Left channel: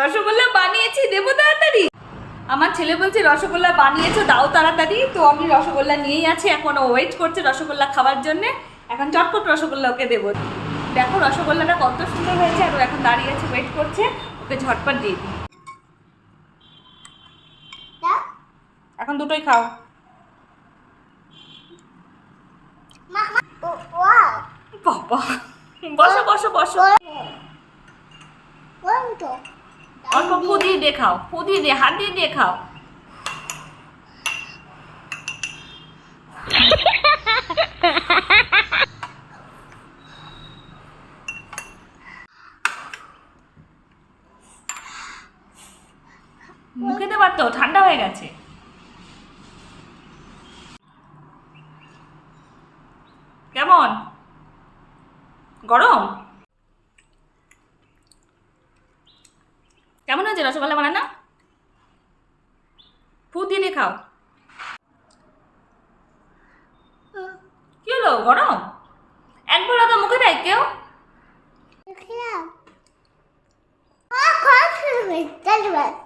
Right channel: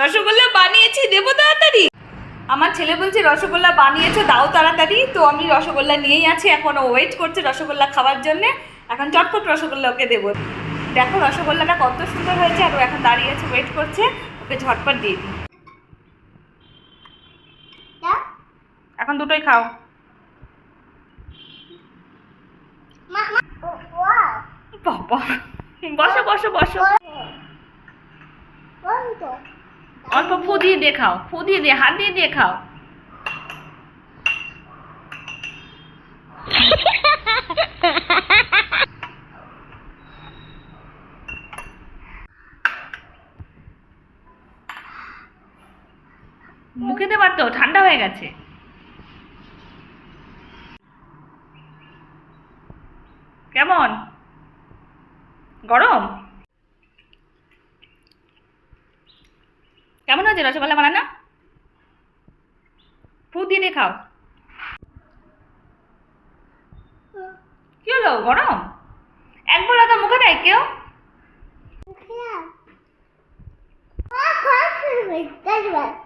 রসগোল্লা বানিয়েছি, দেবো তাড়াতাড়ি। আমার ছেলে বলছে রসগোল্লা বানিয়েছো, দাও তাড়াতাড়ি। তো আমি রসগোল্লা নিয়েই আছি, এখন ওয়েট করছে রসগোল্লা খাওয়ার জন্যে। এখন চটপট রসগোল্লা ওকে দেবো। দেখো রসগোল্লাটা কত সুন্দর হয়েছে, আর ও এখন দাঁড়িয়ে আছে, ওয়েট করছে। ওকে ঝটপট দিয়ে দিই। এখন দুটোই খাও। বাবা, বসো বসো বসো। অল্প ফু দিয়ে দিয়ে খাও, ফু দিয়ে দিয়ে, হাত দিয়ে দিয়ে খাও। মুখে দেবার তো, ঠান্ডা হয়ে গেছে। কেমন গরম? কেমন হয়েছে রসগোল্লা বানানো? ফু দিয়ে দিয়ে খাও। কি হলো, গরম? একবার তো মুখে দেয় কেউ। That's right.